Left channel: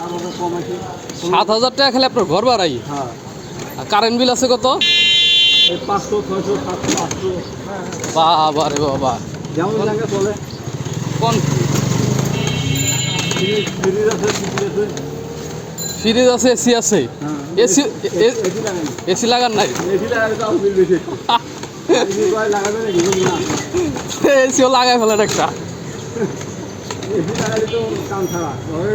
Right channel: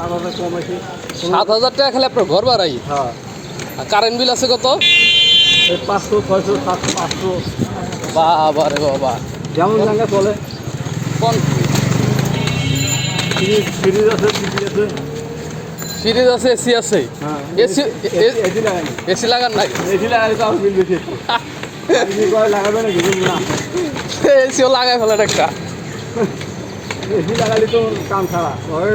7,000 কম আছে। 7,000 টাকা খেলে আপনার ঘর ভাড়াই? হ্যাঁ। কারেন্ট বিল আছে কত? 500, 600, 700, 800 বাবা রে বাবা। যেমন জায়গা চলে। কোন ফ্রিজ আছে, টিভি আছে। ফ্রিজ আছে, এসি আছে? হ্যাঁ, এসি এসি লাগাই। এসি লাগান নাই? এসি লাগালে তো আমার বিল বেশি একটু। আপনি কয় লাগাবে নাকি? না, এসিও লাগাই ফেলেন একটা। এসি লাগালে তো কাম ছাড়া ঘর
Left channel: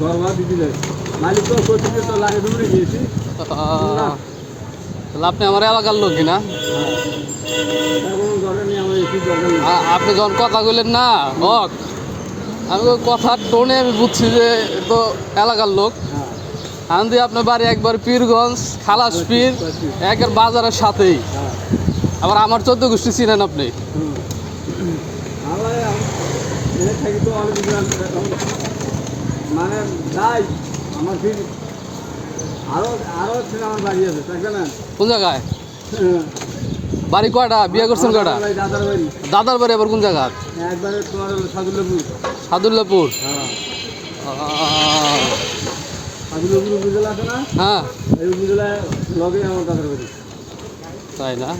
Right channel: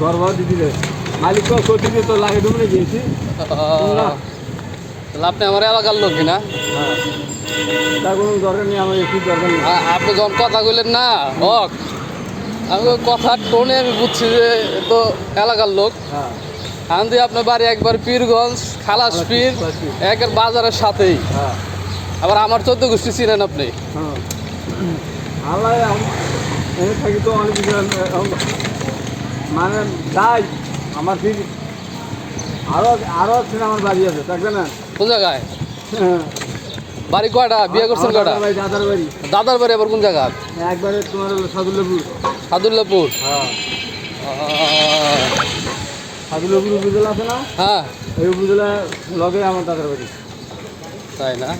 ভাড়া দিতে দেয় মালিক। তো কোথায় তো লাগে দেবো নাকি এসি? না, তাহলে আপনি আমার এলাকার লোক না? তার কোনো দরকার নেই, আমার এসির দরকার নেই। আপনি যখন কথা বললেন না হক, আমি কথার টোনে আমি বুঝছি যে তো এলাকার লোক। হ্যাঁ, কারণ দিয়ে আপনার বাড়ি একবার পীরগঞ্জ, খালাস পীর, একের বাজারের সাথেই। হ্যাঁ, আবার আমার 14 গোষ্ঠী চিনেন আপনি। হ্যাঁ। আমার এনে থাকি তো অনেক কিছু মানে যাই আমার ঠিক আরও আমার বাড়ি আছে, থাকবে না? কোন জায়গায় হ্যাঁ। বাড়ি? কয়টা বিয়ে করছেন? কয়টা? আমার দাদার বাড়ি দাদার বাড়ি আবার কোন জায়গা? একবারে তোমার হলো সাদুল্লাপুর। সাদুল্লাপুর? হ্যাঁ, সাদুল্লাপুর উপজেলা আছে না? হ্যাঁ। এই উপজেলায় লগে আমার দাদার বাড়ি। তাই না?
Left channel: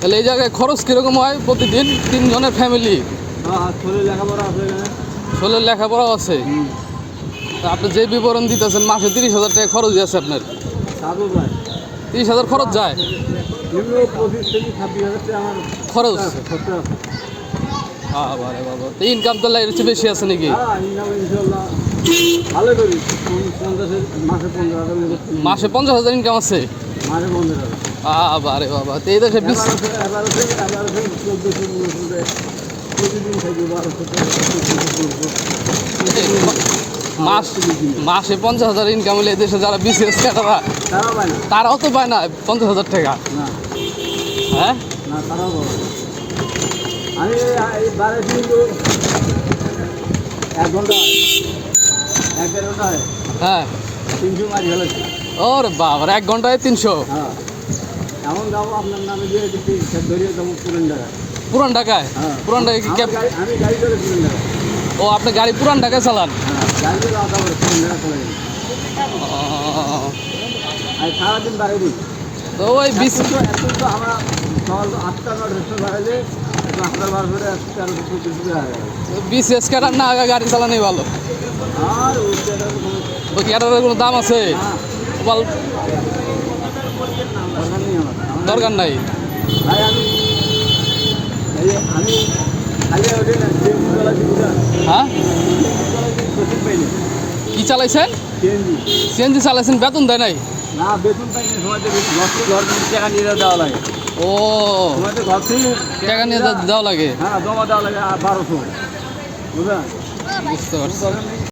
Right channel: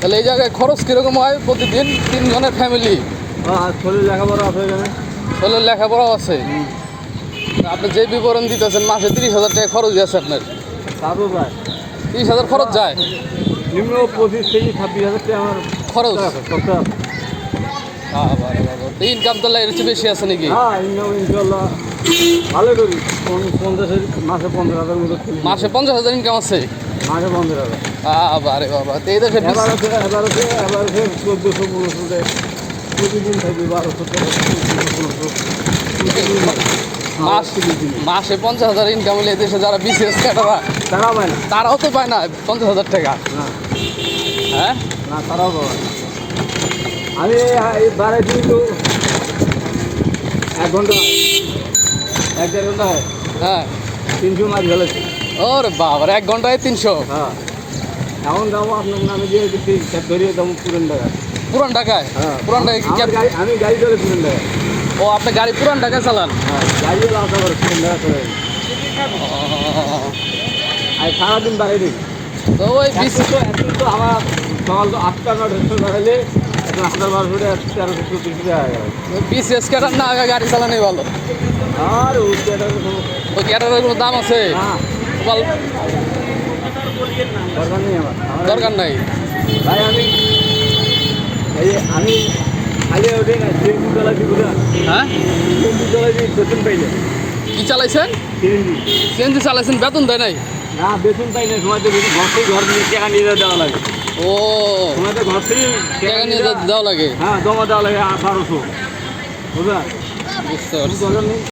তাহলে এই জায়গায় খরচ কিরকম হয় প্রতিদিন? 3 জনের ফ্যামিলি? হ্যাঁ, ছোলের লেখাপড়া আছে এখানে। ছোলের লেখাপড়াও আছে? আপনি যে বিবরণ দিতেছেন মাসে 30,000 টাকা খরচ আছে আপনার? সাদু প্রায় 30,000 খরচ যায়? নিম্ন 25 থেকে 26,000 টাকা আমার খরচ? সপ্তাহ। ইনকাম তো এর চেয়ে বেশি আছে নাকি? হ্যাঁ, ইনকাম ইনশাল্লাহ ভালো করি। 50 মাসে 15,000 মতো করি। মাসে 50,000 ইনকাম আছে? মাসে 15,000। বাবা রে বাবা। তো এই দেশে এবার আছে 1400, 1500 প্রতিদিন থাকি 1200, 1500। মাসে 50,000 ইনকাম হলে এই দেশে যারা বিসিএস তারা তারা পায় না। তারাও তো পায় না 50,000 টাকা। না, হ্যাঁ, না, তারাও পাবে না। আমি এই বারে কিন্তু 1 ঘন্টা 1-1.5 ঘন্টায় হ্যাঁ। 300 মাছ ফেলেছি। ওরে বাবা, 1 ঘন্টায় 300? হ্যাঁ, এখন যাবো আপনার নামে দিয়ে দিচ্ছি, বেরিয়ে যাবো পুরেন টাকা। পুরান ঢাকায়? হ্যাঁ, পুরান ঢাকায় কি আমার গাড়ি, আমি গাড়ি করে পুরেন টাকা। ও, আপনি গাড়ি পুরান ঢাকায় চালান? হ্যাঁ, গাড়ি করে আসা করে পুরেন টাকা চলে যাবে। আর সারাদিন বাইরে দিই। তো ওই এত তো আমার সকাল তো 8টা 9টা বাড়াইলে আপনার মাছ ধরে 1300 টাকা হয়ে গেল। বিসিএস ক্যাডার না আগে গাড়ি চালানোই ভালো? আর ওই টাকা কোনো ওই ক্যাডারের কোনো দাম আছে? না, দরকার নেই আমার। দরকার নাই। ভাই আমি খালি ওঠে না, সিএনজি চালাচ্ছি বুঝলেন? হ্যাঁ, সিএনজি চালাচ্ছি, বেতন পাই না। কি চালাইছেন? সিএনজি সিএনজি চালাইছেন, বেতন দেয় নাই? না, বেতন পাই না। সময়তে ঘর থেকে টাকা নিয়ে দেওয়া লাগে। ও, সময়তে ঘর থেকে টাকা নিয়ে দেওয়া লাগে? হ্যাঁ, জমা দেওয়া লাগে 1200, বুঝলেন? বুঝতে পারছি। দরকার নেই।